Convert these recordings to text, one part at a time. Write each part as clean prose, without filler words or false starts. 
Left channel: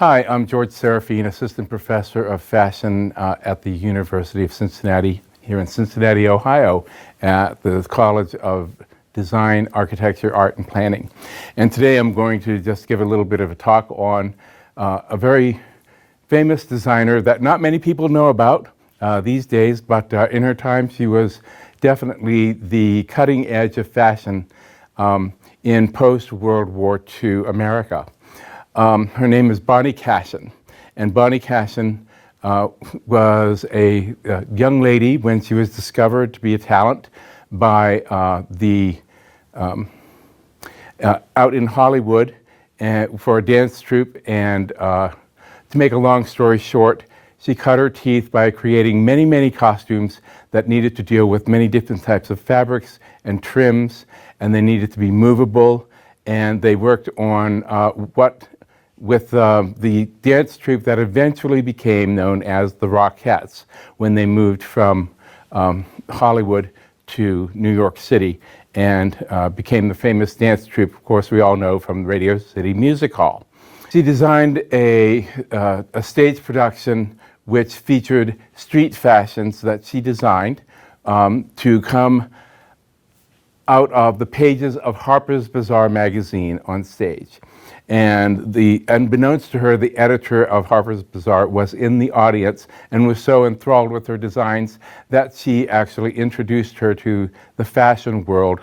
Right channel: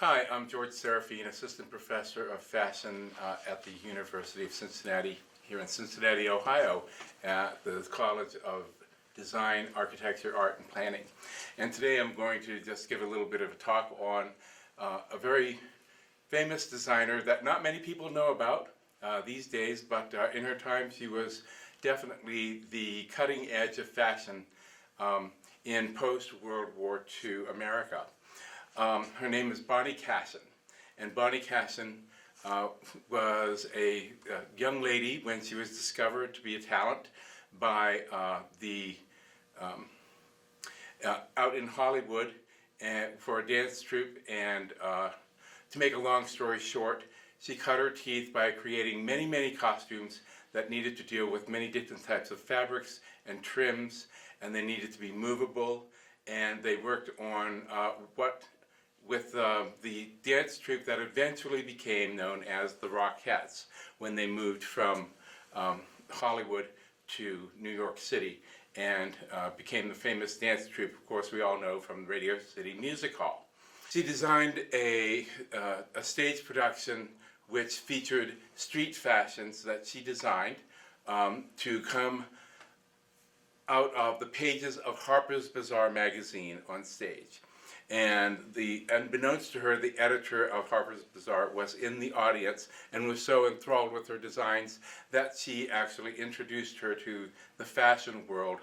Hi, I'm George Sarofeen, Assistant Professor of Fashion at the University of Cincinnati, here in Cincinnati, Ohio, at the College of Design, Architecture, Art, and Planning. And today I'm going to just give a little bit of a talk on a very famous designer that not many people know about these days, but in her time she was definitely the cutting edge of fashion in post-World War II America. Her name is Bonnie Cashin, and Bonnie Cashin was a young lady when she was discovered to be a talent by out in Hollywood for a dance troupe. And to make a long story short, she cut her teeth by creating many, many costumes that needed to deal with many different types of fabrics and trims, and they needed to be movable. And they worked on with the dance troupe that eventually became known as the Rockettes when they moved from Hollywood to New York City and became the famous dance troupe, of course, we all know from Radio City Music Hall. She designed a stage production which featured street fashions that she designed to come out of the pages of Harper's Bazaar magazine on stage. And unbeknownst to her, the editor of Harper's Bazaar was in the audience and was so enthralled with her designs that she actually introduced her to the fashion world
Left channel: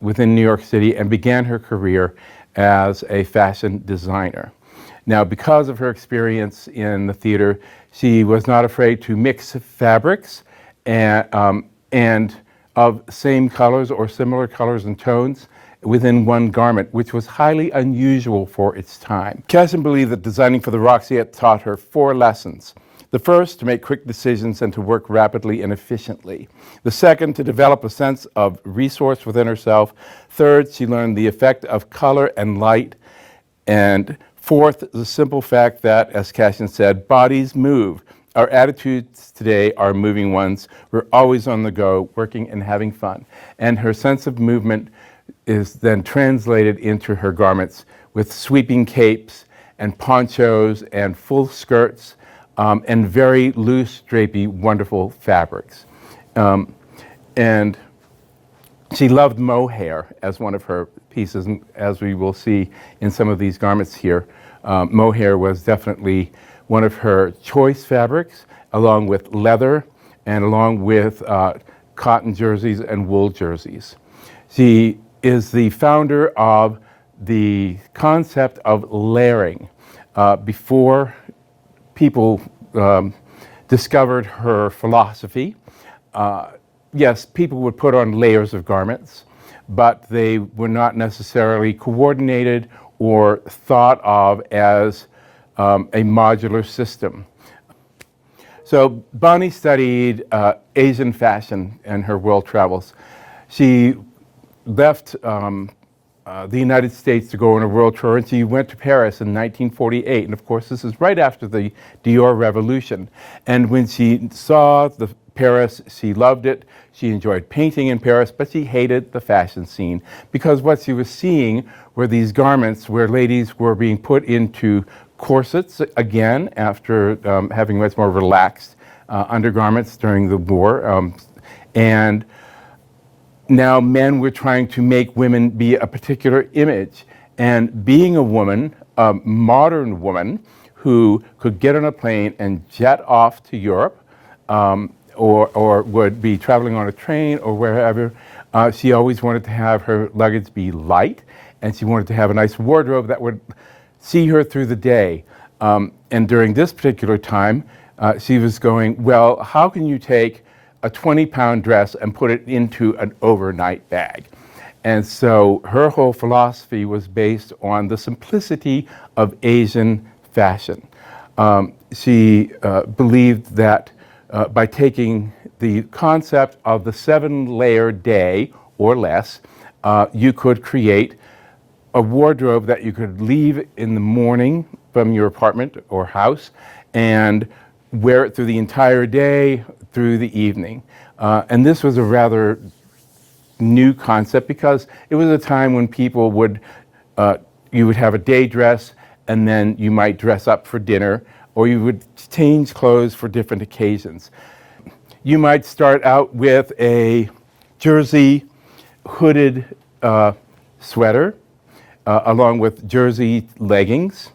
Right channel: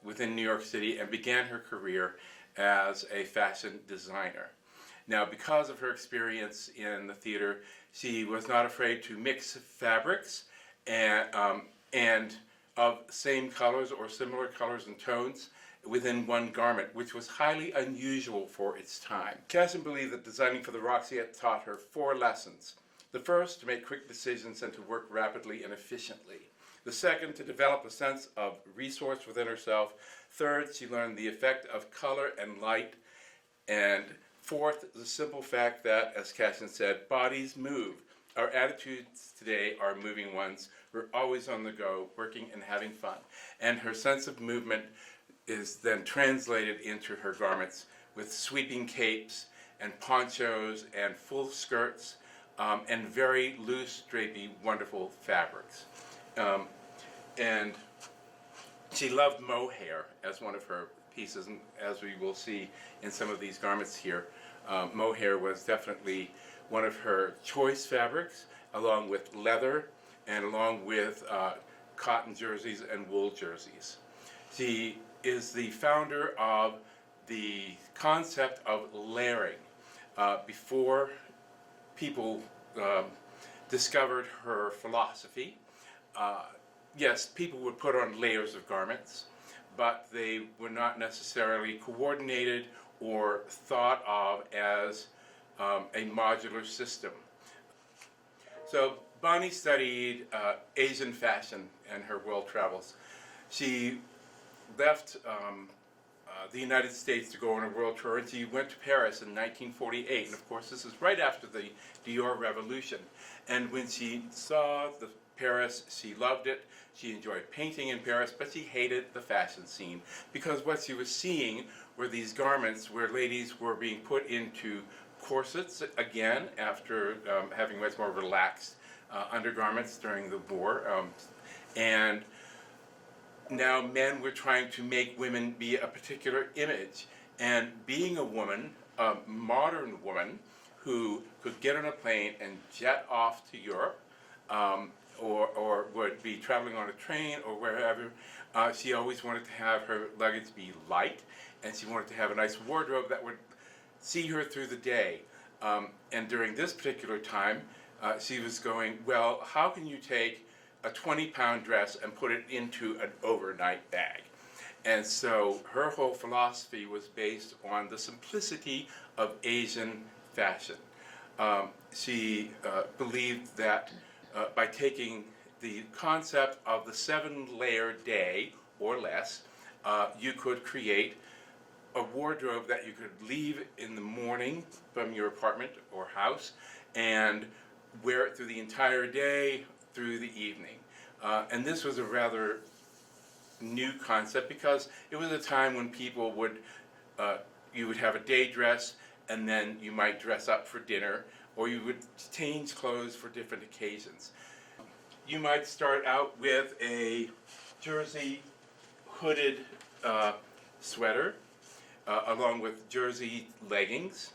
within New York City and began her career as a fashion designer. Now, because of her experience in the theater, she was not afraid to mix fabrics and of same colors or similar colors and tones within one garment, which was highly unusual for its time. Cashin believed that designing for the Rockettes taught her 4 lessons. The first, to make quick decisions and to work rapidly and efficiently. The second, to develop a sense of resource within herself. Third, she learned the effect of color and light. And fourth, the simple fact that, as Cashin said, bodies move. Our attitudes today are moving ones. We're always on the go, working and having fun. And her sense of movement is then translated into her garments with sweeping capes and ponchos and full skirts and very loose, drapey, wonderful fabrics. And she loved mohair as one of her pieces, and as we will see in some of these garments here, mohair was definitely one of her choice fabrics, along with leather and along with cotton jerseys and wool jerseys. She is the founder of the concept of layering. Before people discovered her philosophy, yes, people would put on layers of garments, but they were not necessarily coordinated or thought of as a modular system. So Bonnie studied Asian fashion in her world travels. She left the United States to go on a world tour, and she went to Paris in 1948. And of course, this is right after the Dior Revolution. And when she saw Paris, she loved it. She enjoyed painting in Paris, but she hated the fashion scene because what she was seeing were these garments where ladies were being put into corsets again after having much more relaxed undergarments during the war. And now men were trying to make women be a particular image. And being a woman, a modern woman, who could get on a plane and jet off to Europe, or would be traveling on a train or wherever, she always wanted to have her luggage be light, and she wanted to have a nice wardrobe that would see her through the day. And during this particular time, she was going, well, how can you take a 20-pound dress and put it into an overnight bag? And so her whole philosophy was based on the simplicity of Asian fashion. She believed that by taking the concept of the 7-layer day or less, you could create a wardrobe that you could leave in the morning from your apartment or house and wear it through the entire day, through the evening. And this was a rather new concept because it was a time when people would, you would have a day dress and then you might dress up for dinner, or you would change clothes for different occasions. You might start out with a jersey hooded sweater, along with jersey leggings,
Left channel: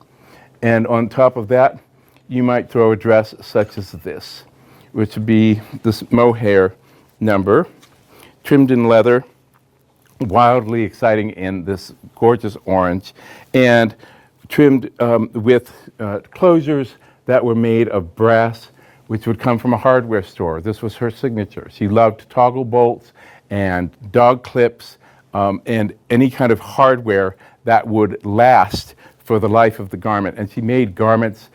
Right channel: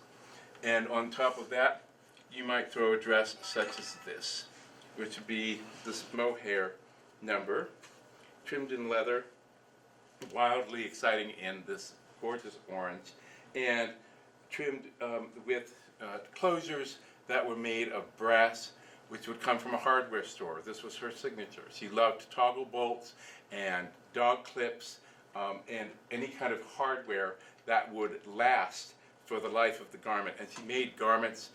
and on top of that, you might throw a dress such as this, which would be this mohair number, trimmed in leather, wildly exciting in this gorgeous orange, and trimmed with closures that were made of brass, which would come from a hardware store. This was her signature. She loved toggle bolts and dog clips and any kind of hardware that would last for the life of the garment. And she made garments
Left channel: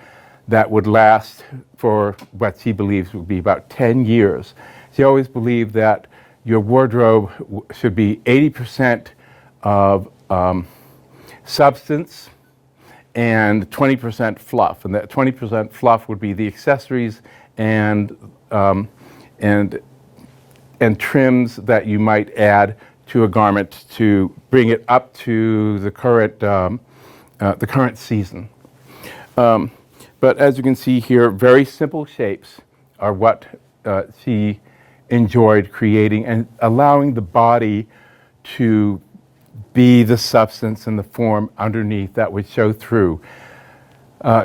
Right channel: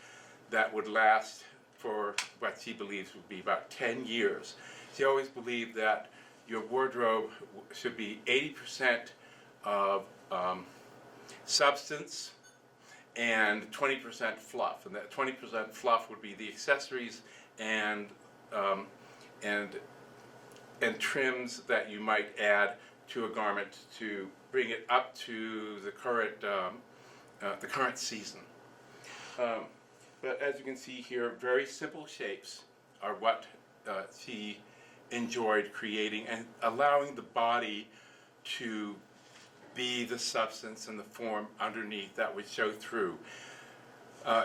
that would last for what she believes would be about 10 years. She always believed that your wardrobe should be 80% of substance and 20% fluff. And that 20% fluff would be the accessories and trims that you might add to a garment to bring it up to the current season. But as you can see here, very simple shapes are what she enjoyed creating, and allowing the body to be the substance and the form underneath that would show through.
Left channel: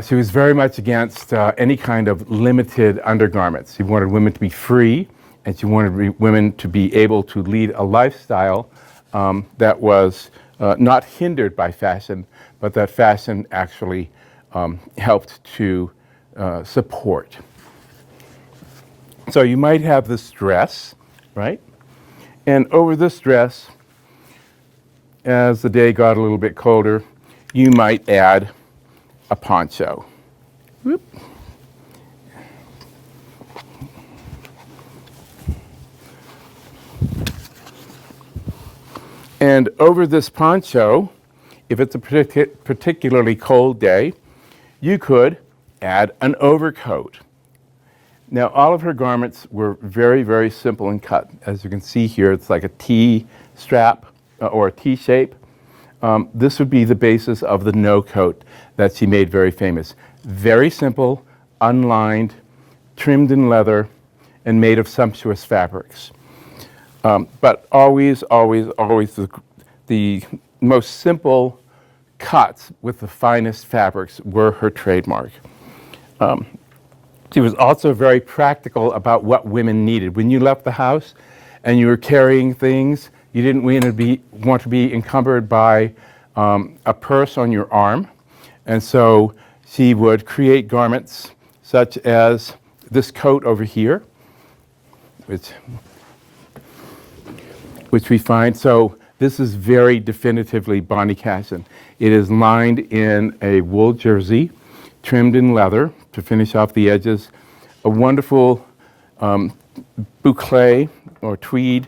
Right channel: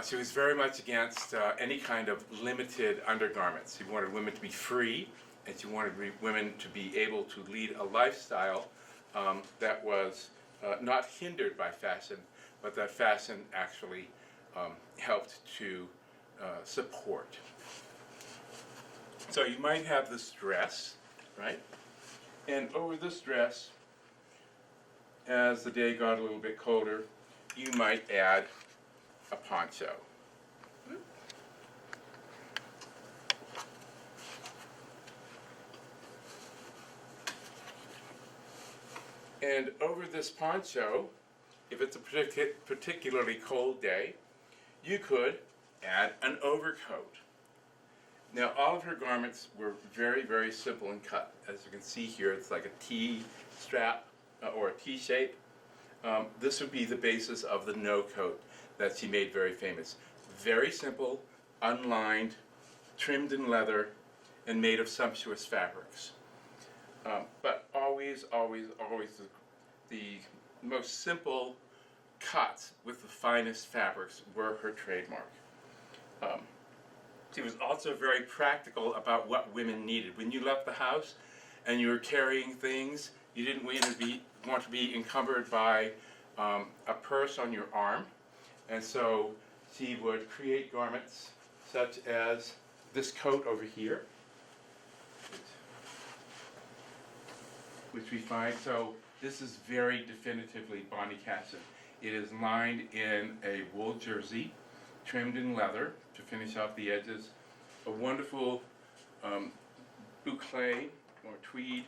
She was very much against any kind of limited undergarments. She wanted women to be free, and she wanted women to be able to lead a lifestyle that was not hindered by fashion, but that fashion actually helped to support. So you might have this dress, right? And over this dress, as the day got a little bit colder, you might add a poncho. Whoop. And over this poncho, if it's a particularly cold day, you could add an overcoat. Now, all of her garments were very, very simple in cut. As you can see here, it's like a T strap or a T shape. This would be the basis of the no coat that she made very famous. Very simple, unlined, trimmed in leather, and made of sumptuous fabrics. But always, always, always the most simple cuts with the finest fabrics were her trademark. She was also very practical about what women needed. When you left the house and you were carrying things, you didn't want to be encumbered by a purse on your arm. And so she would create garments such as this coat over here, which we find. So this is very definitively Bonnie Cashin. It is lined in a wool jersey, trimmed in leather to finish off the edges, a wonderful boucle or tweed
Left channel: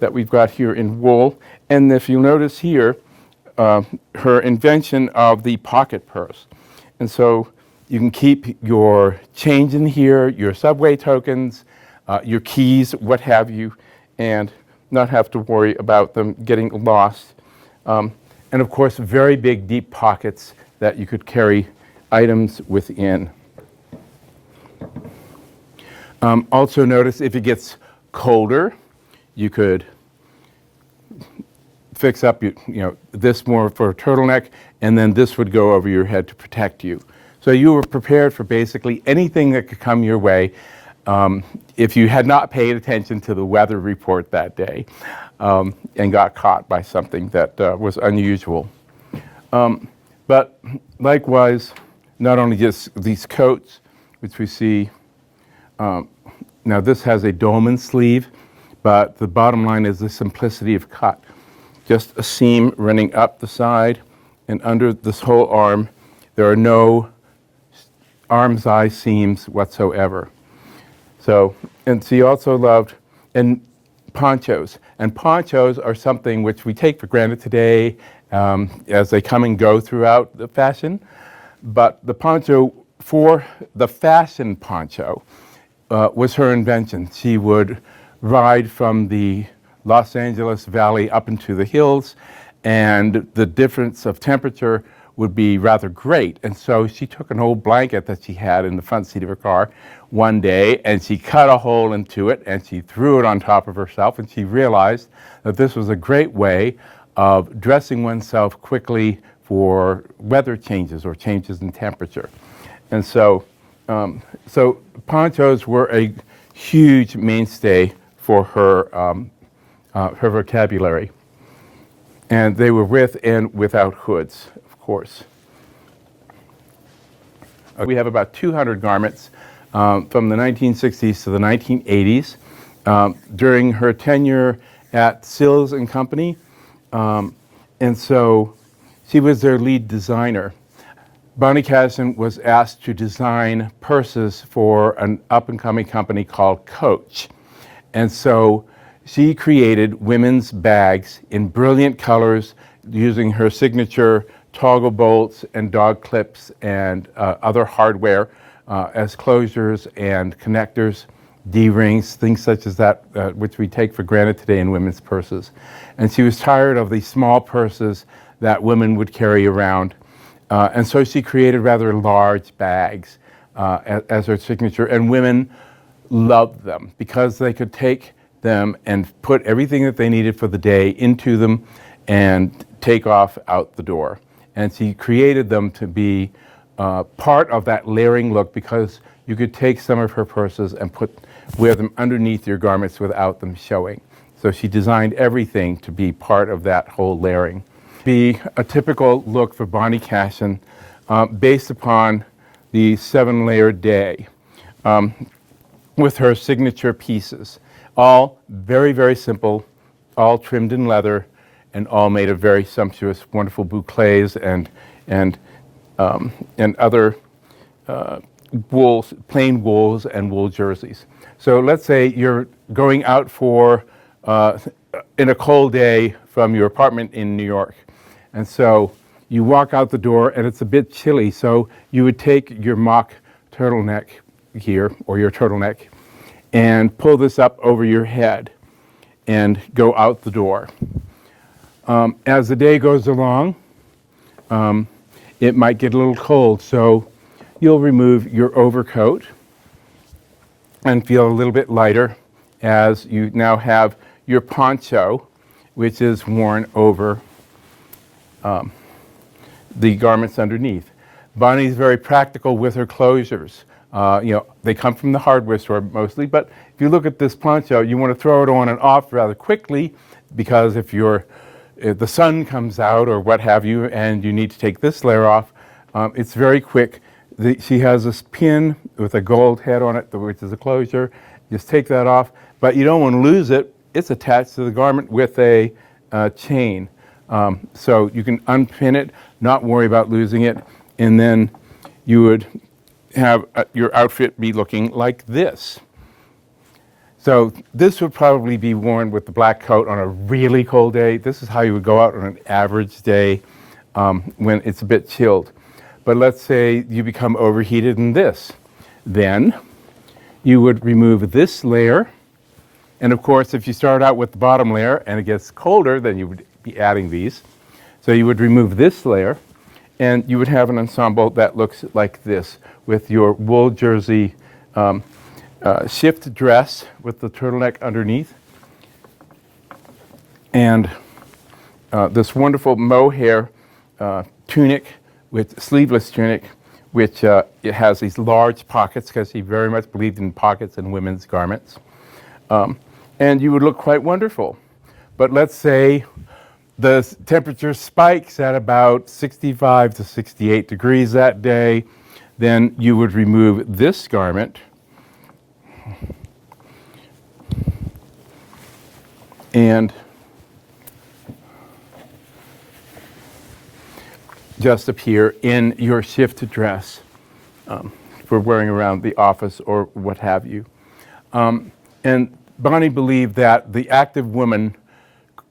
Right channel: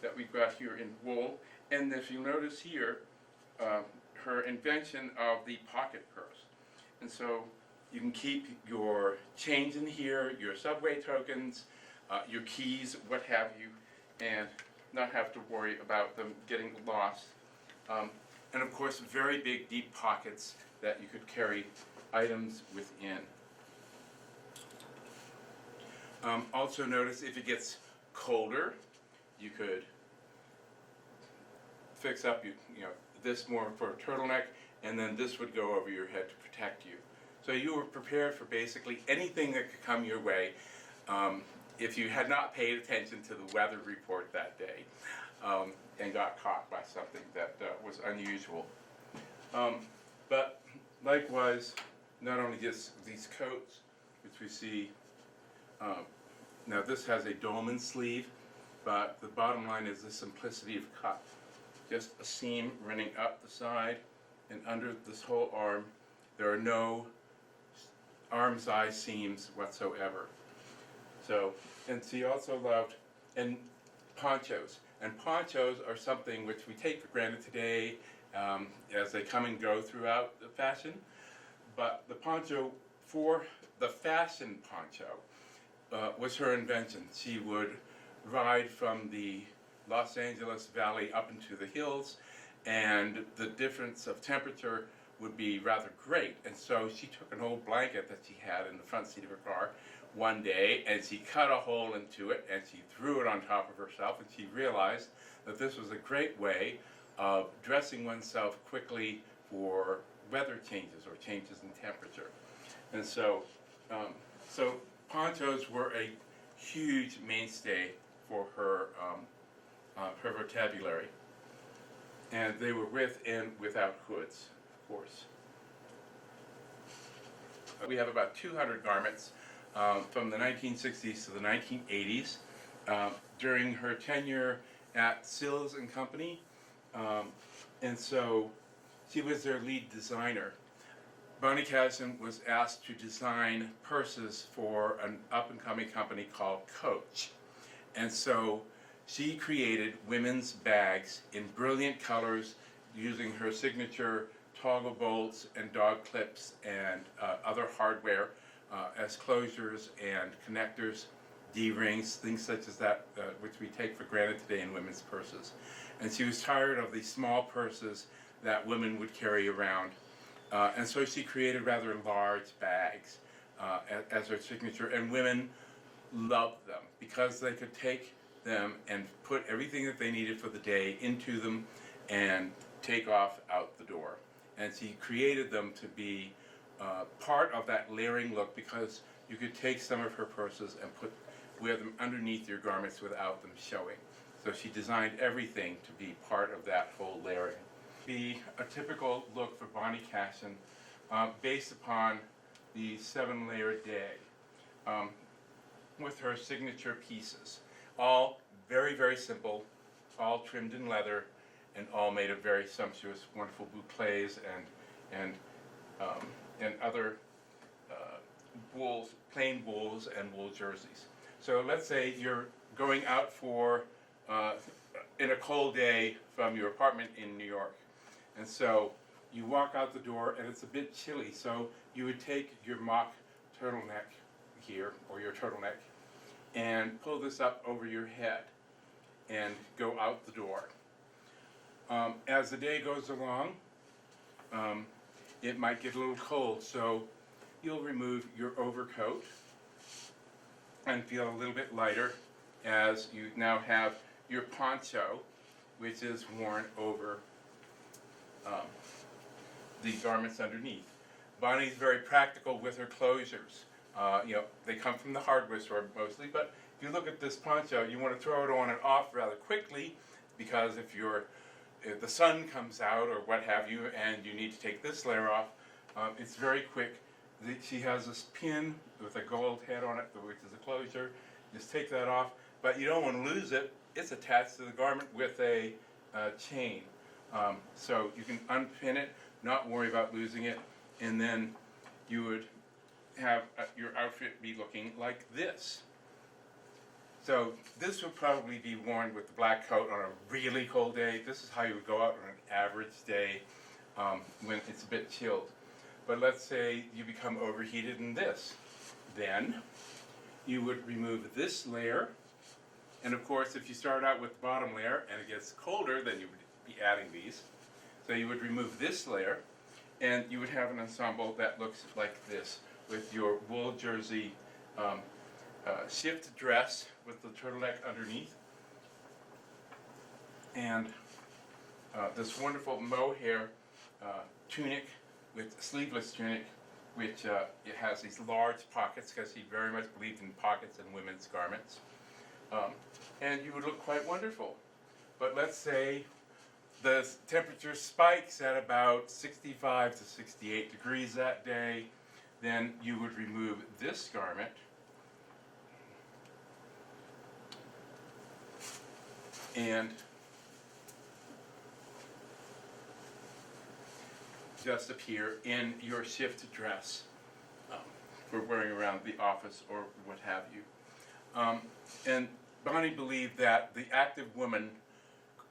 that we've got here in wool. And if you notice here, her invention of the pocket purse. And so you can keep your change in here, your subway tokens, your keys, what have you, and not have to worry about them getting lost. And of course, very big, deep pockets that you could carry items within. Also notice if it gets colder, you could fix up this more for a turtleneck, and then this would go over your head to protect you. So you were prepared for basically anything that could come your way if you had not paid attention to the weather report that day and got caught by something that was unusual. But likewise, not only just these coats, which we see, now this has a dolman sleeve, but the bottom line is the simplicity of cut. Just a seam running up the side, and under this whole arm, there are no arm's eye seams whatsoever. So, and she also loved ponchos. And ponchos are something which we take for granted today as they come and go throughout the fashion. But the poncho, for the fashion poncho, was her invention. She would ride from the Los Angeles Valley up into the hills, and the difference of temperature would be rather great. And so she took an old blanket that she had in the front seat of her car one day, and she cut a hole into it, and she threw it on top of herself, and she realized that this was a great way of dressing oneself quickly for weather changes or changes in temperature. And so, so ponchos were a huge mainstay for her vocabulary. And they were with and without hoods, of course. We have about 200 garments from the 1960s to the 1980s. During her tenure at Sills and Company, and so she was their lead designer. Bonnie Cashin was asked to design purses for an up-and-coming company called Coach. And so she created women's bags in brilliant colors using her signature toggle bolts and dog clips and other hardware as closures and connectors, D-rings, things such as that, which we take for granted today in women's purses. And she was tired of these small purses that women would carry around. And so she created rather large bags as her signature. And women loved them because they could take them and put everything that they needed for the day into them and take off out the door. And she created them to be part of that layering look because you could take some of her purses and wear them underneath your garments without them showing. So she designed everything to be part of that whole layering. Be a typical look for Bonnie Cashin based upon the 7-layer day with her signature pieces. All very, very simple, all trimmed in leather, and all made of very sumptuous, wonderful bouclés and other wools, plain wools and wool jerseys. So let's say you're going out for in a cold day from your apartment in New York. And so you walk out the door and it's a bit chilly. So you would take your mock turtleneck here, or your turtleneck, and pull this up over your head and go out the door. As the day goes along, it might get a little cold. So you'll remove your overcoat and feel a little bit lighter as you now have your poncho, which is worn over the garments underneath. Bonnie's very practical with her closures. They come from the hardware store mostly, but if you look at this poncho, you want to throw it on and off rather quickly because if the sun comes out or what have you and you need to take this layer off, it's very quick. She has this pin with a gold head on it, which is a closure. Just take that off, but you don't want to lose it. It's attached to the garment with a chain. So you can unpin it, not worry about losing it, and then you would have your outfit be looking like this. So this would probably be worn with the black coat on a really cold day. This is how you would go out on an average day when it's a bit chilled. But let's say you become overheated in this. Then you would remove this layer. And of course, if you start out with the bottom layer and it gets colder, then you would be adding these. So you would remove this layer and you would have an ensemble that looks like this with your wool jersey shift dress with the turtleneck underneath and this wonderful mohair tunic with sleeveless tunic, which it has these large pockets because he very much believed in pockets in women's garments. And you would look quite wonderful. But let's say the temperature spikes at about 65 to 68 degrees that day, then you would remove this garment and just appear in your shift dress for wearing around the office or what have you. And Bonnie believed that the active woman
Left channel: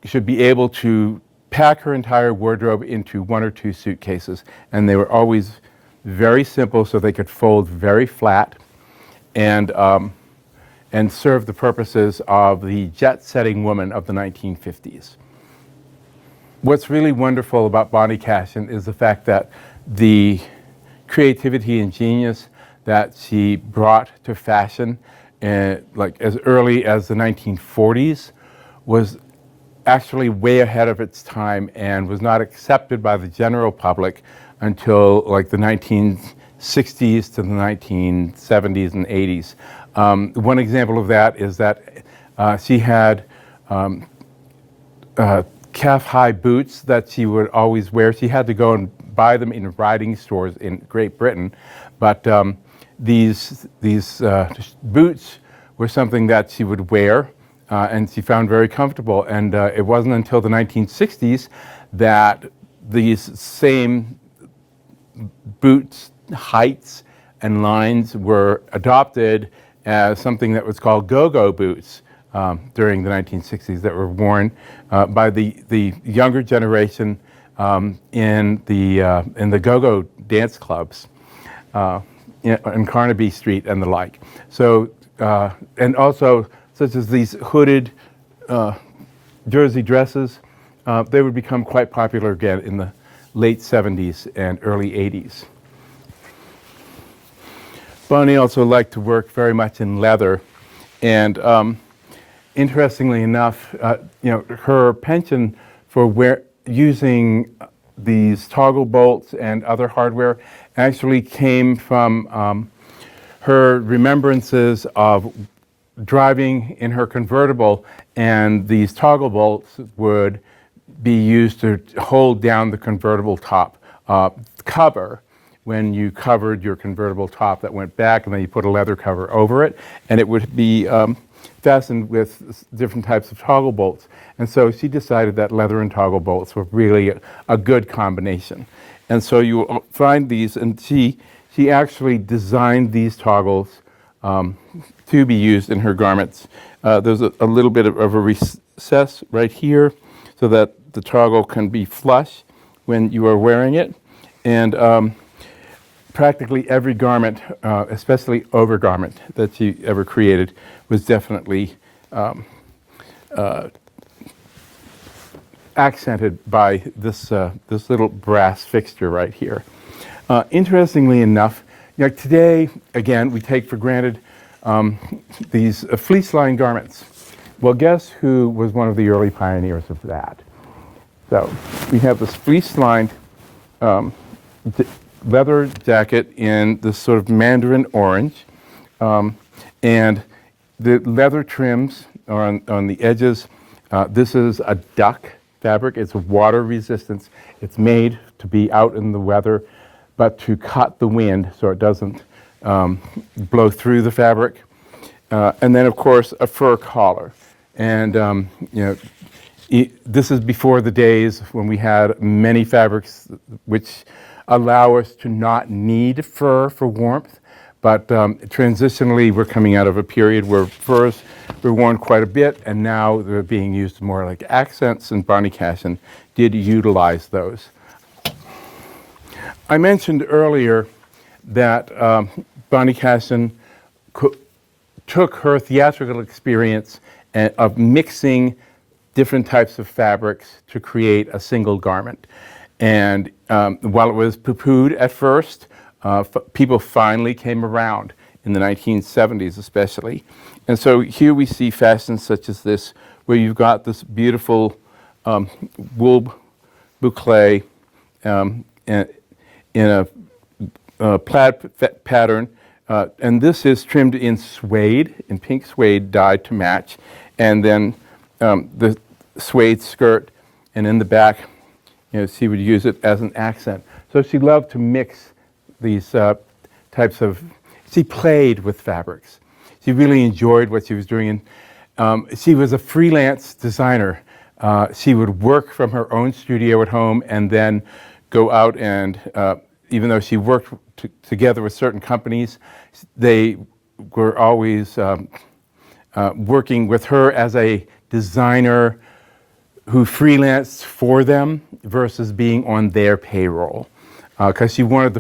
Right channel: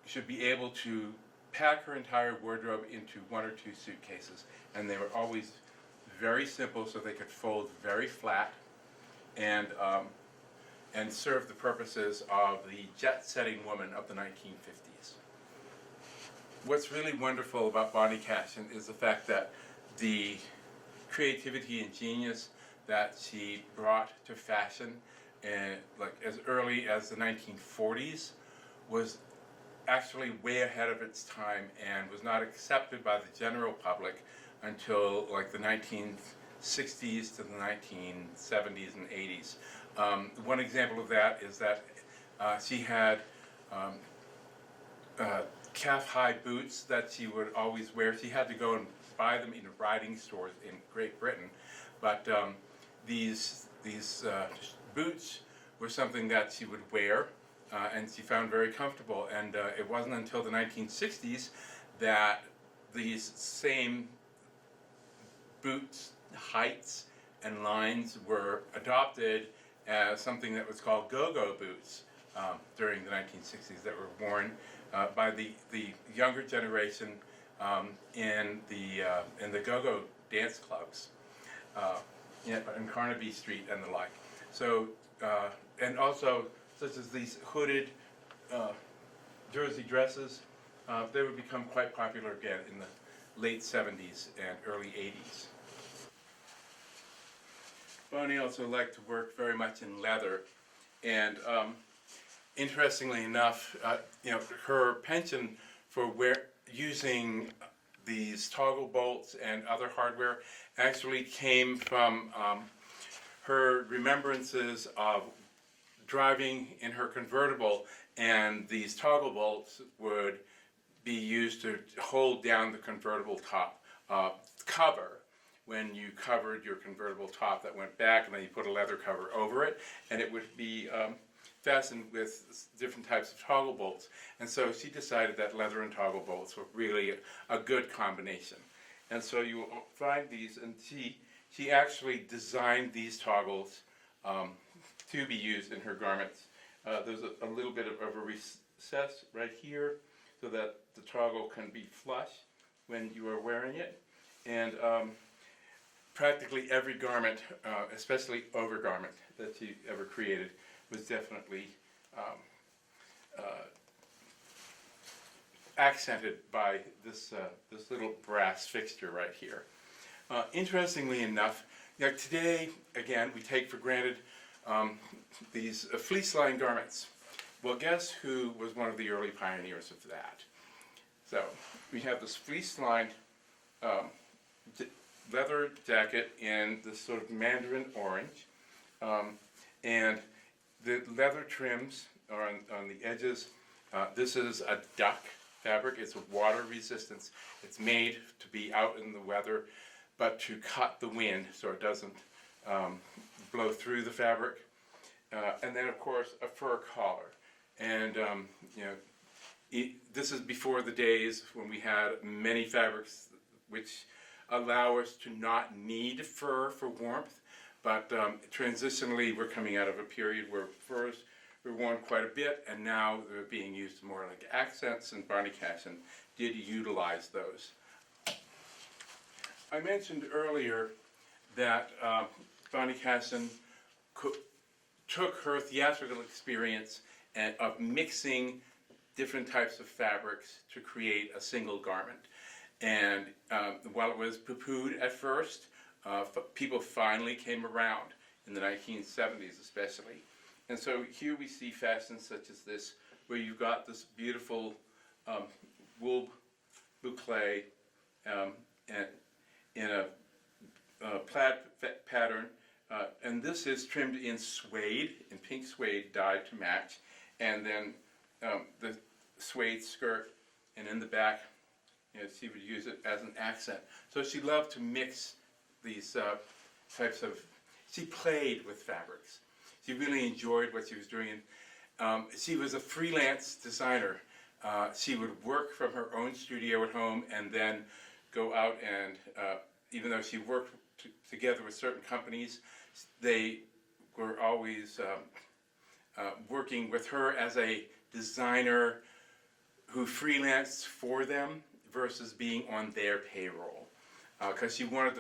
should be able to pack her entire wardrobe into 1 or 2 suitcases, and they were always very simple so they could fold very flat and serve the purposes of the jet-setting woman of the 1950s. What's really wonderful about Bonnie Cashin is the fact that the creativity and genius that she brought to fashion, like as early as the 1940s, was actually way ahead of its time and was not accepted by the general public until like the 1960s to the 1970s and 80s. One example of that is that she had calf-high boots that she would always wear. She had to go and buy them in riding stores in Great Britain, but these boots were something that she would wear, and she found very comfortable. And it wasn't until the 1960s that these same boots heights and lines were adopted as something that was called go-go boots during the 1960s, that were worn by the younger generation in the go-go dance clubs in Carnaby Street and the like. So and also such as these hooded jersey dresses, they would become quite popular again in the late 70s and early 80s. Bonnie also liked to work very much in leather, and interestingly enough, her penchant for using these toggle bolts and other hardware actually came from her remembrances of driving in her convertible, and these toggle bolts would be used to hold down the convertible top cover. When you covered your convertible top, that went back, and then you put a leather cover over it, and it would be fastened with different types of toggle bolts. And so she decided that leather and toggle bolts were really a good combination. And so you will find these, and she actually designed these toggles to be used in her garments. There's a little bit of a recess right here so that the toggle can be flush when you are wearing it. And practically every garment, especially overgarment that she ever created, was definitely accented by this little brass fixture right here. Interestingly enough, today, again, we take for granted these fleece-lined garments. Well, guess who was one of the early pioneers of that? So we have this fleece-lined leather jacket in this sort of mandarin orange, and the leather trims are on the edges. This is a duck fabric. It's water resistance. It's made to be out in the weather, but to cut the wind so it doesn't blow through the fabric. And then, of course, a fur collar. And this is before the days when we had many fabrics which allow us to not need fur for warmth. But transitionally, we're coming out of a period where furs were worn quite a bit, and now they're being used more like accents, and Bonnie Cashin did utilize those. I mentioned earlier that Bonnie Cashin took her theatrical experience of mixing different types of fabrics to create a single garment. And while it was poo-pooed at first, people finally came around in the 1970s especially. And so here we see fashions such as this, where you've got this beautiful wool boucle in a plaid pattern. And this is trimmed in suede, in pink suede dyed to match. And then the suede skirt, and in the back, she would use it as an accent. So she loved to mix these types of, she played with fabrics. She really enjoyed what she was doing. And she was a freelance designer. She would work from her own studio at home and then go out and, even though she worked together with certain companies, they were always working with her as a designer who freelanced for them versus being on their payroll, because she wanted the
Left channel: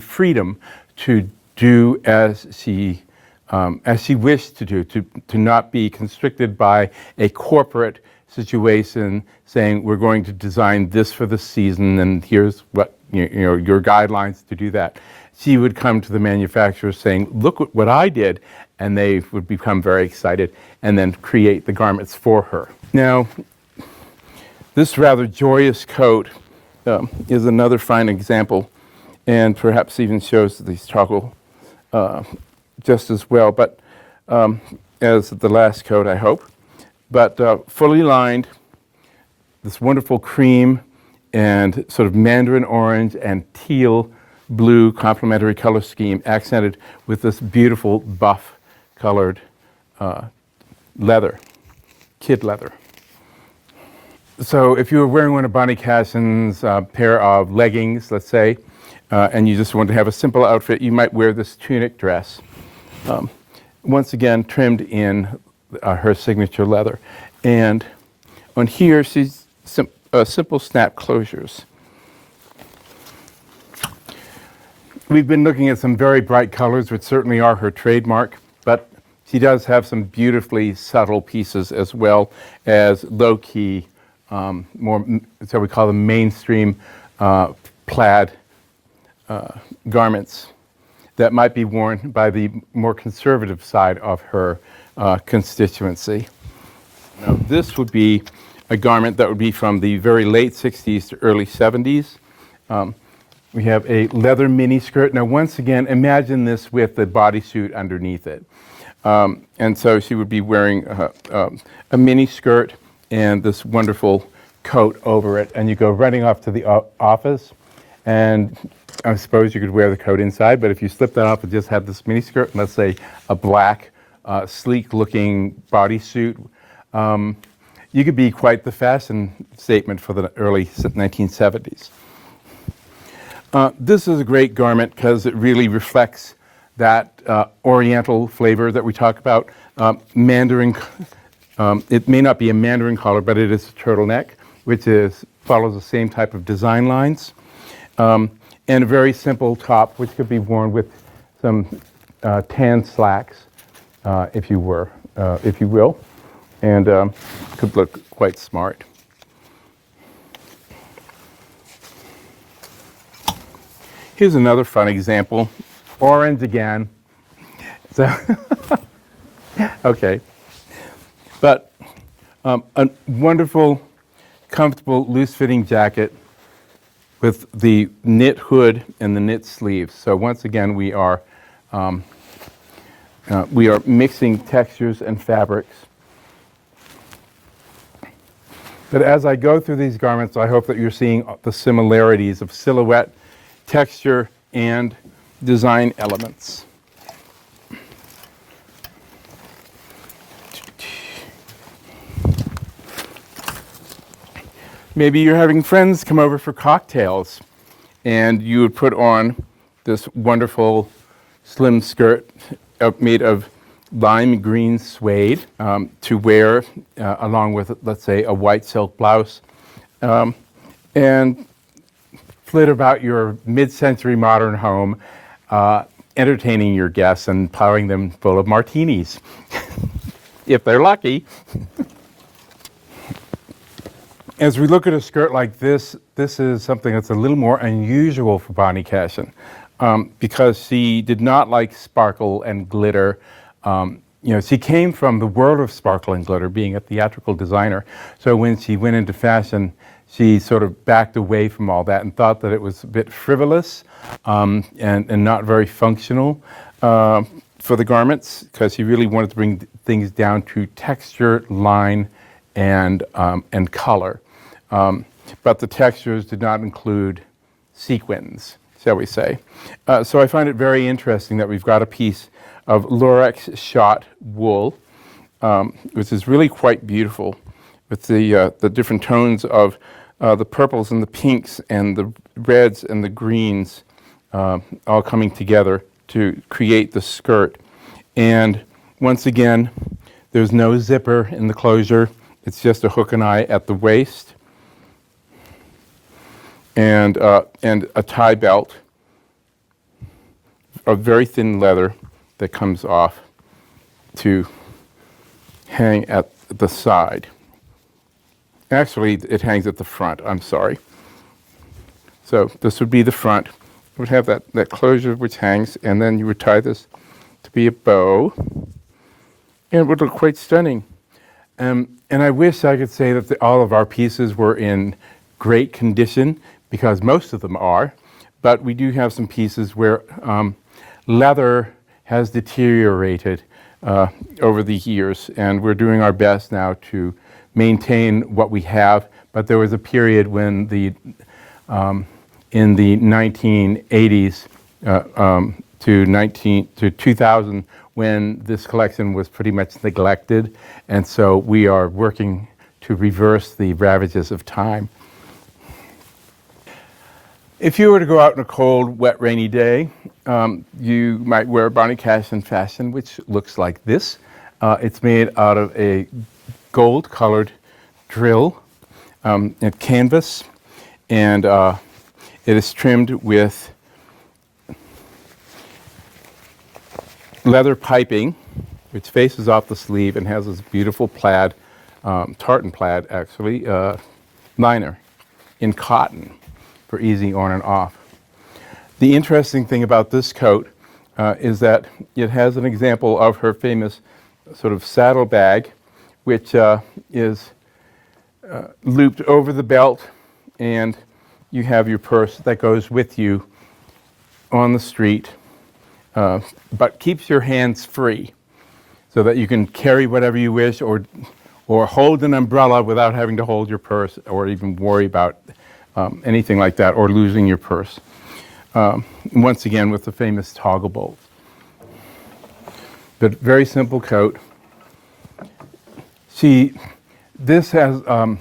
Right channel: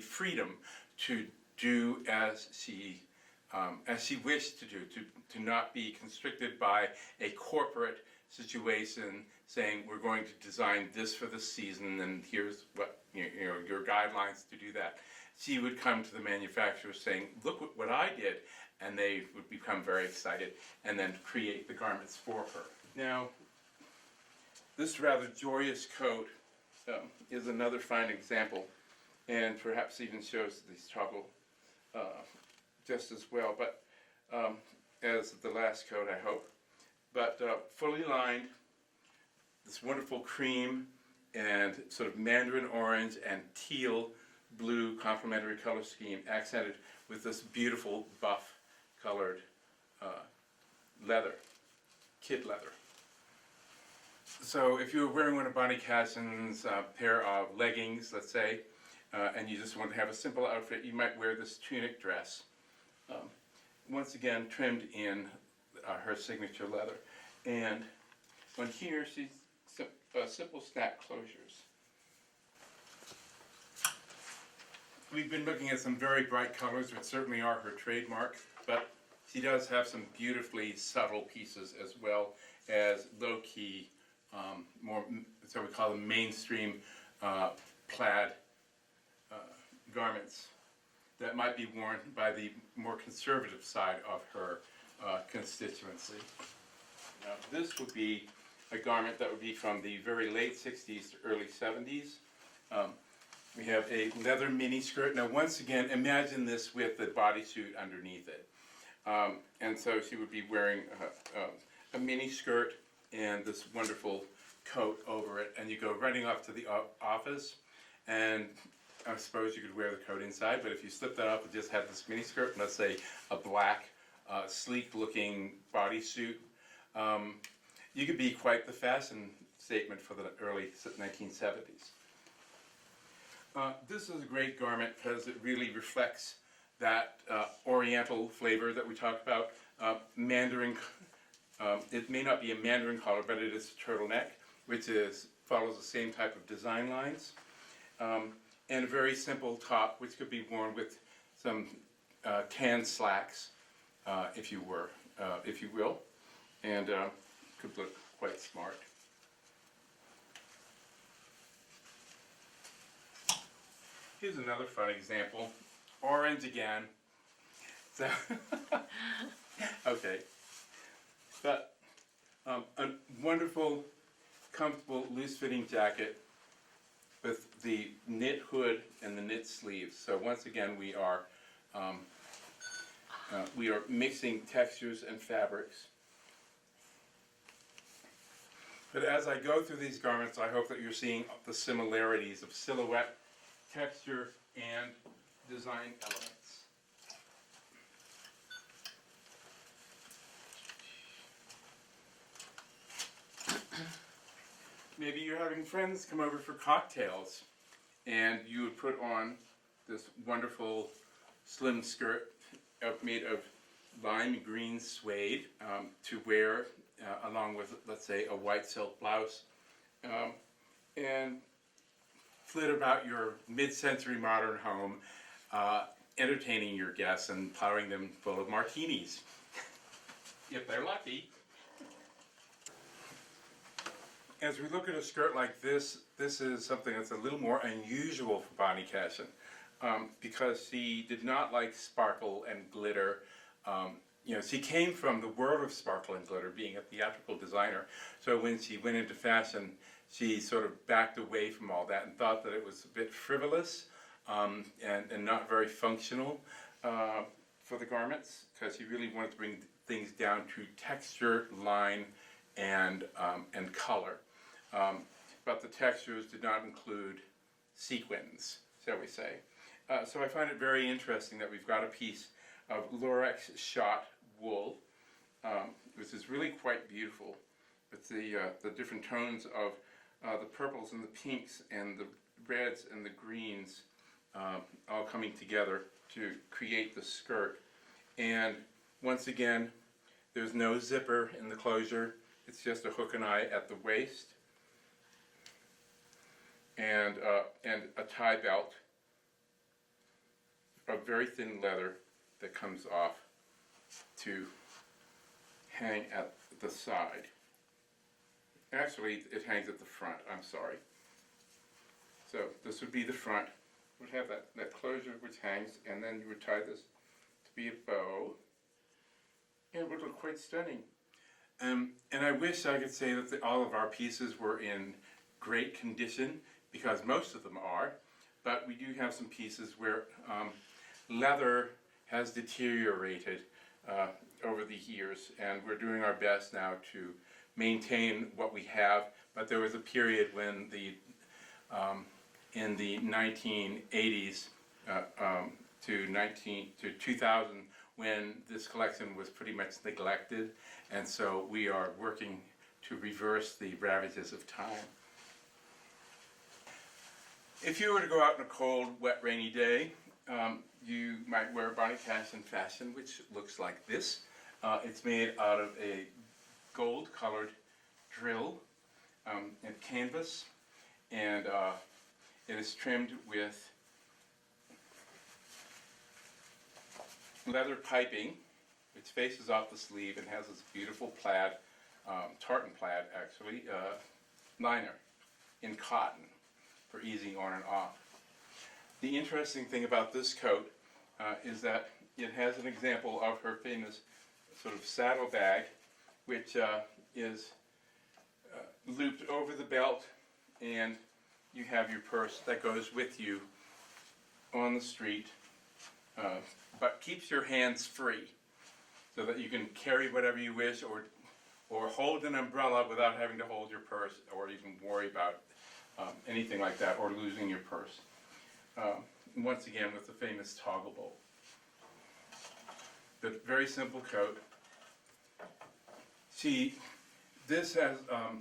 freedom to do as she wished to do, to not be constricted by a corporate situation, saying we're going to design this for the season, and here's what your guidelines to do that. She would come to the manufacturer saying, "Look what I did," and they would become very excited and then create the garments for her. Now, this rather joyous coat is another fine example, and perhaps even shows the struggle just as well, but as the last coat, I hope. But fully lined, this wonderful cream and sort of mandarin orange and teal blue complementary color scheme, accented with this beautiful buff colored leather, kid leather. So if you were wearing one of Bonnie Cashin's pair of leggings, let's say, and you just want to have a simple outfit, you might wear this tunic dress. Once again, trimmed in her signature leather. And on here, she's simple snap closures. We've been looking at some very bright colors, which certainly are her trademark, but she does have some beautifully subtle pieces as well as low-key, more, so we call them mainstream plaid garments that might be worn by the more conservative side of her constituency. Now, this would be a garment that would be from the very late 60s to early 70s. We have a leather mini skirt. Now, once again, imagine this with the bodysuit underneath it. And so she would be wearing a mini skirt and this wonderful coat over it. And you go running off to the office, and I suppose you could wear the coat inside, but if you slip that off and just have this mini skirt, let's say a black, sleek-looking bodysuit, you could be quite the fashion statement for the early 1970s. This is a great garment because it really reflects that oriental flavor that we talk about. Mandarin, it may not be a mandarin collar, but it is a turtleneck, which follows the same type of design lines. And a very simple top, which could be worn with some tan slacks, if you will, and could look quite smart. Here's another fun example. Orange again. So okay. But a wonderful, comfortable, loose-fitting jacket with the knit hood and the knit sleeves. So once again, we are mixing textures and fabrics. But as I go through these garments, I hope that you're seeing the similarities of silhouette, texture, and design elements. Maybe you're having friends come over for cocktails, and you would put on this wonderful slim skirt made of lime green suede to wear along with, let's say, a white silk blouse, and flit about your mid-century modern home, entertaining your guests and plowing them full of martinis, if they're lucky. As we look at a skirt like this, this is something that's a little more unusual for Bonnie Cashin, because she did not like sparkle and glitter. She came from the world of sparkle and glitter, being a theatrical designer. So when she went into fashion, she sort of backed away from all that and thought that it was a bit frivolous and not very functional for the garments, because she really wanted to bring things down to texture, line, and color. But the textures did not include sequins, shall we say. So I find it very interesting that we've got a piece of Lurex shot wool, which is really quite beautiful, with the different tones of the purples and the pinks and the reds and the greens all coming together to create the skirt. And once again, there's no zipper in the closure. It's just a hook and eye at the waist, and a tie belt of very thin leather that comes off to hang at the side. Actually, it hangs at the front, I'm sorry. So this would be the front. It would have that closure which hangs, and then you would tie this to be a bow, and it would look quite stunning. And I wish I could say that all of our pieces were in great condition, because most of them are, but we do have some pieces where leather has deteriorated over the years, and we're doing our best now to maintain what we have. But there was a period when in the 1980s to 2000, when this collection was pretty much neglected, and so we are working to reverse the ravages of time. If you were to go out on a cold, wet, rainy day, you might wear a Bonnie Cashin fashion, which looks like this. It's made out of a gold-colored drill and canvas, and it is trimmed with leather piping, which faces off the sleeve and has this beautiful plaid, tartan plaid actually, liner in cotton for easy on and off. The interesting thing about this coat is that it has an example of her famous sort of saddle bag, which is looped over the belt, and you have your purse that goes with you on the street, but keeps your hands free so that you can carry whatever you wish, or hold an umbrella without having to hold your purse or even worry about anything like that, or losing your purse. Once again, with the famous toggle bolt. But very simple coat. This has a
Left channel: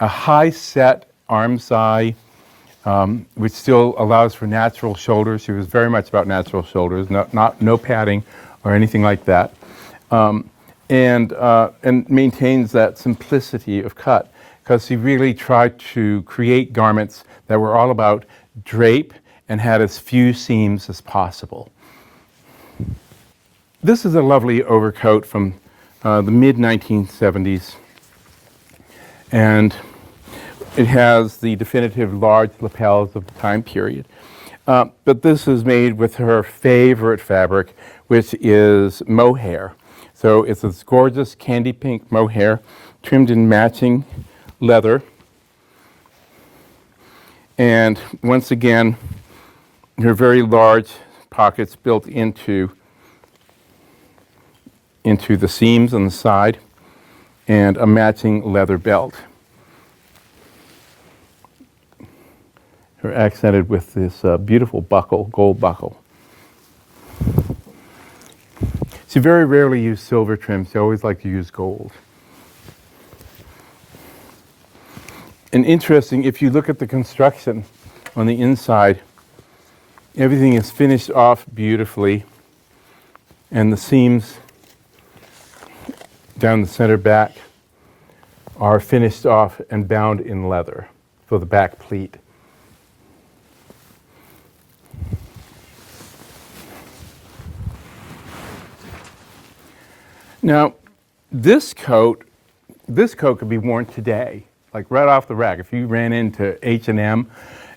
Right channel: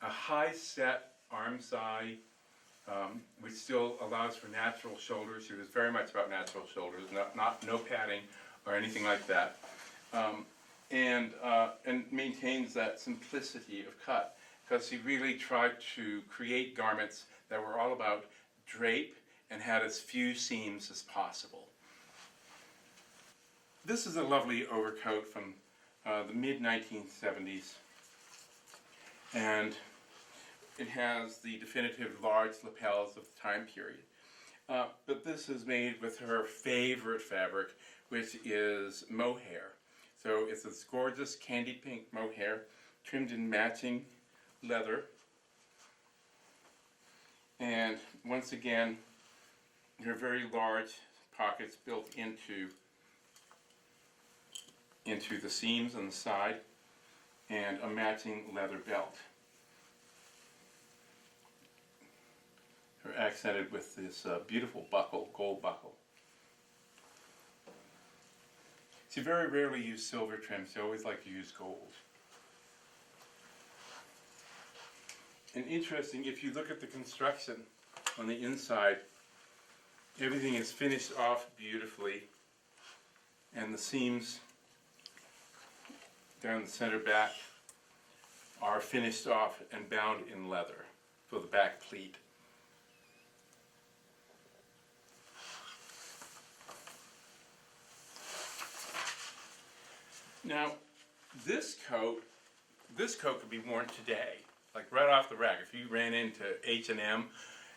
high set armscye, which still allows for natural shoulders. She was very much about natural shoulders, no padding or anything like that, and maintains that simplicity of cut, because she really tried to create garments that were all about drape and had as few seams as possible. This is a lovely overcoat from the mid-1970s, and it has the definitive large lapels of the time period. But this is made with her favorite fabric, which is mohair. So it's this gorgeous candy pink mohair trimmed in matching leather. And once again, her very large pockets built into the seams on the side, and a matching leather belt. Her accented with this beautiful buckle, gold buckle. She very rarely used silver trim. She always liked to use gold. And interesting, if you look at the construction on the inside, everything is finished off beautifully, and the seams down the center back are finished off and bound in leather for the back pleat. Now, this coat could be worn today, like right off the rack. If you ran into H&M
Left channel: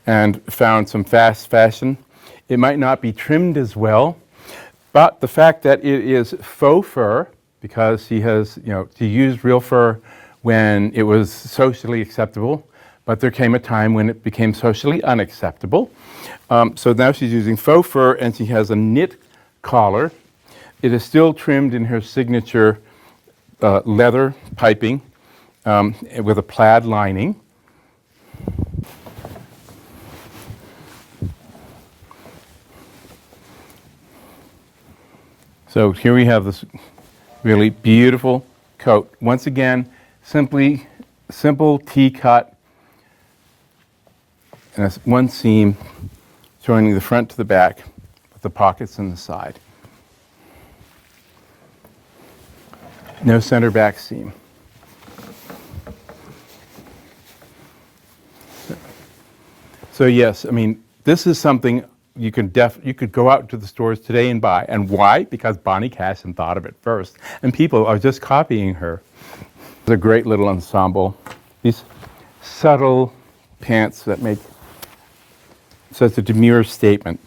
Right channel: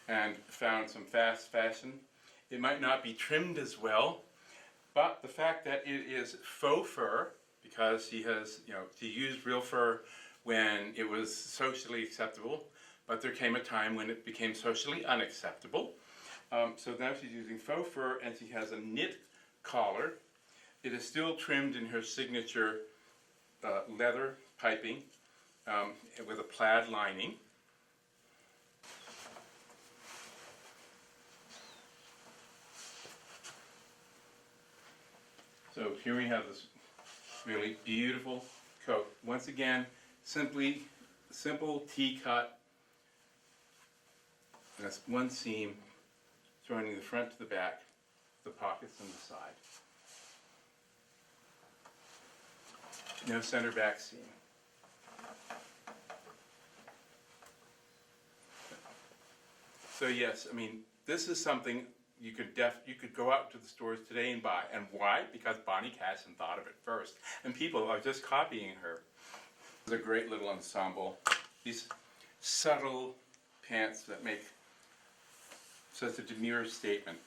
and found some fast fashion, it might not be trimmed as well, but the fact that it is faux fur, because she used real fur when it was socially acceptable, but there came a time when it became socially unacceptable. So now she's using faux fur, and she has a knit collar. It is still trimmed in her signature leather piping with a plaid lining. So here we have this really beautiful coat. Once again, simple T-cut, and that's one seam joining the front to the back with the pockets on the side. No center back seam. So yes, I mean, this is something you could go out to the stores today and buy. And why? Because Bonnie Cashin thought of it first, and people are just copying her. It's a great little ensemble these subtle pants that make such a demure statement.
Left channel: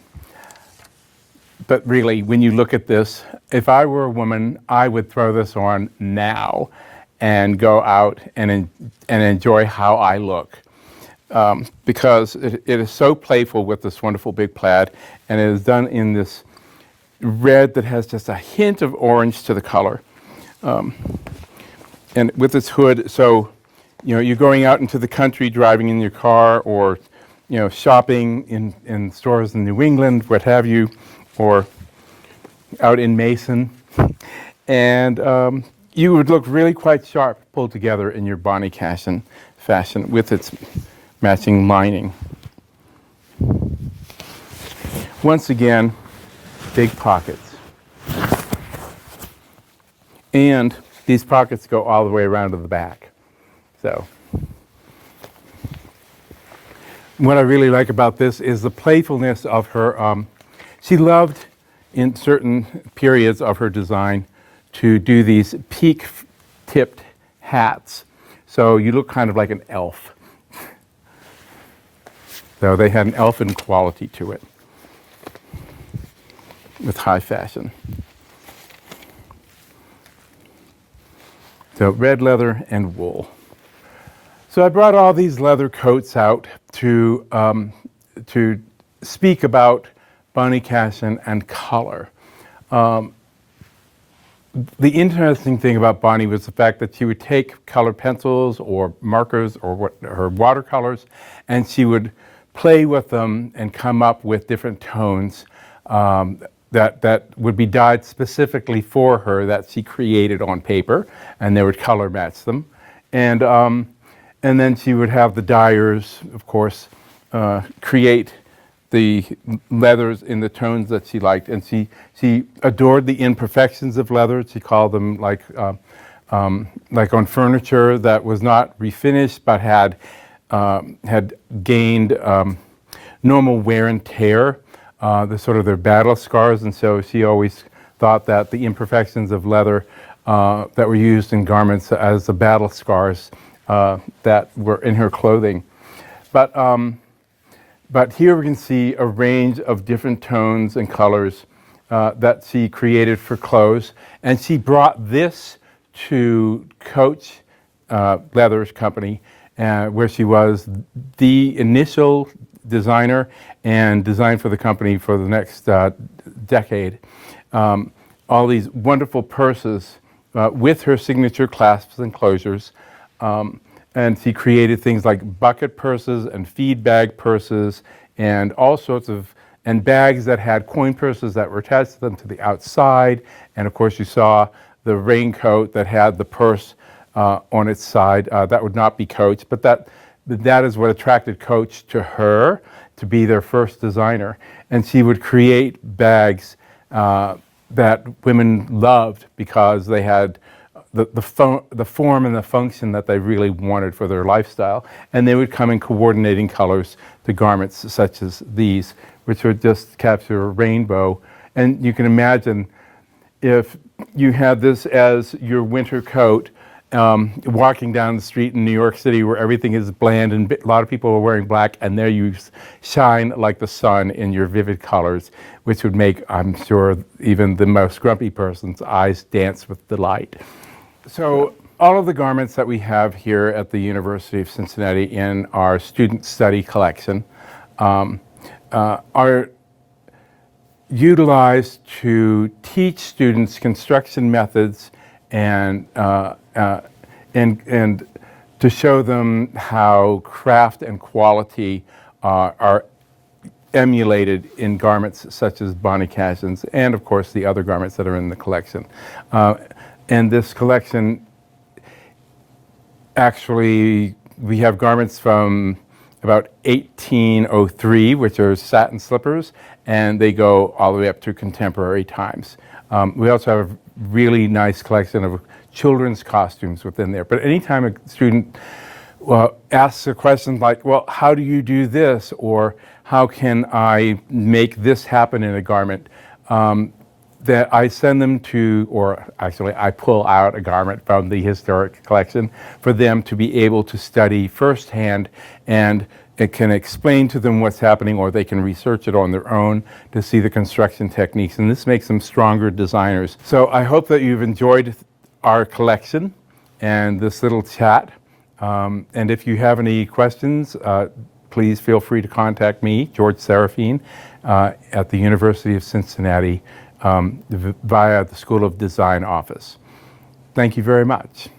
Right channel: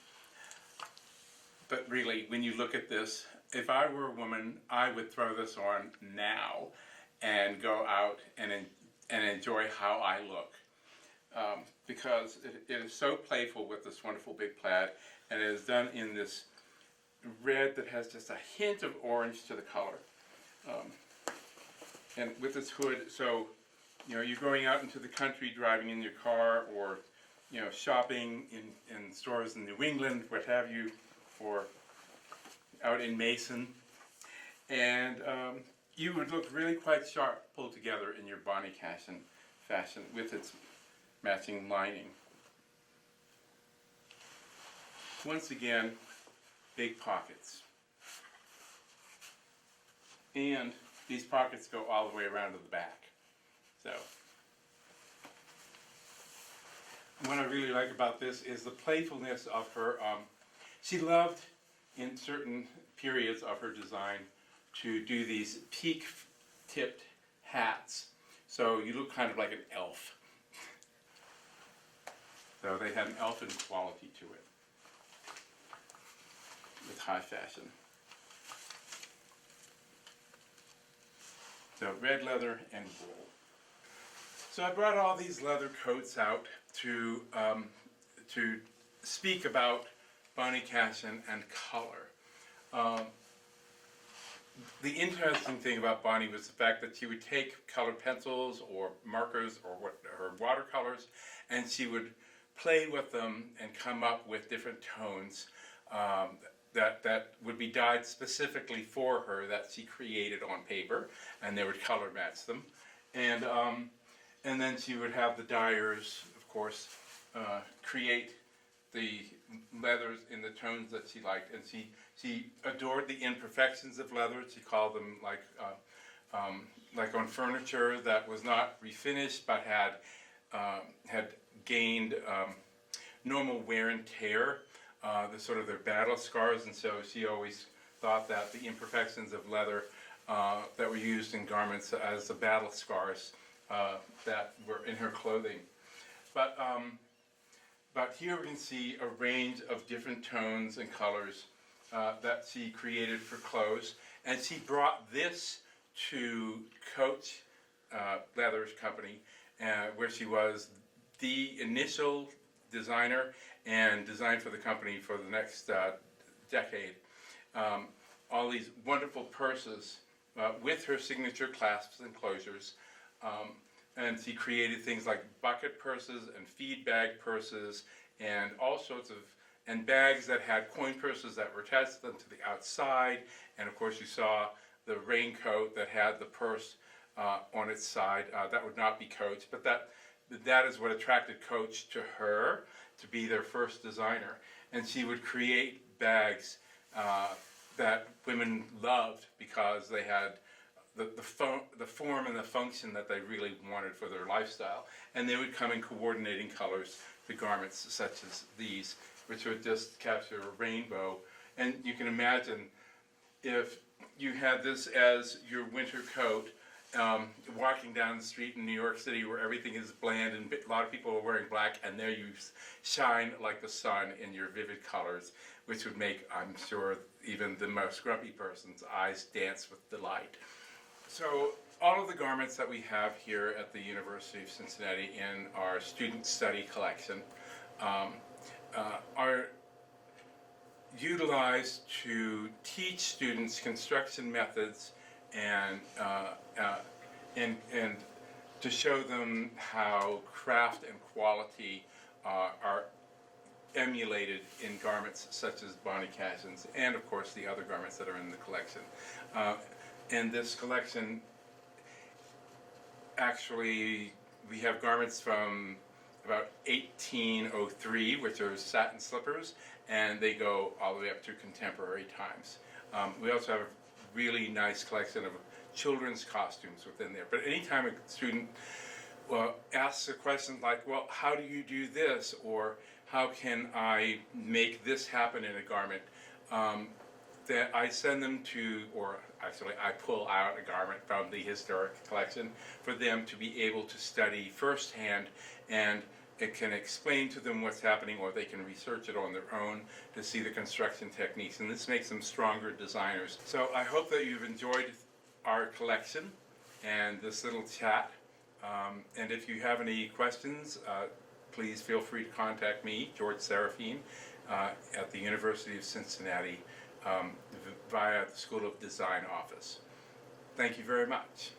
But really, when you look at this, if I were a woman, I would throw this on now and go out and enjoy how I look. Because it is so playful with this wonderful big plaid, and it is done in this red that has just a hint of orange to the color. And with this hood, so you're going out into the country, driving in your car, or shopping in stores in New England, what have you, or out in Mason, and you would look really quite sharp pulled together in your Bonnie Cashin fashion with its matching lining. Once again, big pockets. And these pockets go all the way around to the back. So, what I really like about this is the playfulness of her. She loved, in certain periods of her design, to do these peak-tipped hats. So you look kind of like an elf. So they had an elfin quality to it with high fashion. So red leather and wool. So I brought all these leather coats out to speak about Bonnie Cashin and color. The interesting thing about Bonnie was the fact that she would take colored pencils or markers or her watercolors, and she would play with them and come up with different tones that would be dyed specifically for her, that she created on paper, and they would color match them. And then she would have the dyers, of course, create the leathers in the tones that she liked, and she adored the imperfections of leather. She called them like on furniture that was not refinished but had gained normal wear and tear, the sort of their battle scars, and so she always thought that the imperfections of leather that were used in garments as the battle scars that were in her clothing. But here we can see a range of different tones and colors that she created for clothes. And she brought this to Coach Leather's company, where she was the initial designer and designed for the company for the next decade. All these wonderful purses with her signature clasps and closures. And she created things like bucket purses and feed bag purses and all sorts of, and bags that had coin purses that were attached to them to the outside. And of course you saw the raincoat that had the purse on its side. That would not be Coach, but that is what attracted Coach to her, to be their first designer. And she would create bags that women loved because they had the form and the function that they really wanted for their lifestyle. And they would come in coordinating colors to garments such as these, which would just capture a rainbow. And you can imagine if you had this as your winter coat, walking down the street in New York City where everything is bland and a lot of people are wearing black, and there you shine like the sun in your vivid colors, which would make, I'm sure, even the most grumpy person's eyes dance with delight. So all of the garments that we have here at the University of Cincinnati in our student study collection are utilized to teach students construction methods and to show them how craft and quality are emulated in garments such as Bonnie Cashin's and, of course, the other garments that are in the collection. And this collection, actually, we have garments from about 1803, which are satin slippers, and they go all the way up to contemporary times. We also have a really nice collection of children's costumes within there. But anytime a student asks a question like, well, how do you do this? Or how can I make this happen in a garment? that I send them to, or actually I pull out a garment from the historic collection for them to be able to study firsthand, and it can explain to them what's happening, or they can research it on their own to see the construction techniques, and this makes them stronger designers. So I hope that you've enjoyed our collection and this little chat. And if you have any questions, please feel free to contact me, George Sarofeen, at the University of Cincinnati via the School of Design office. Thank you very much.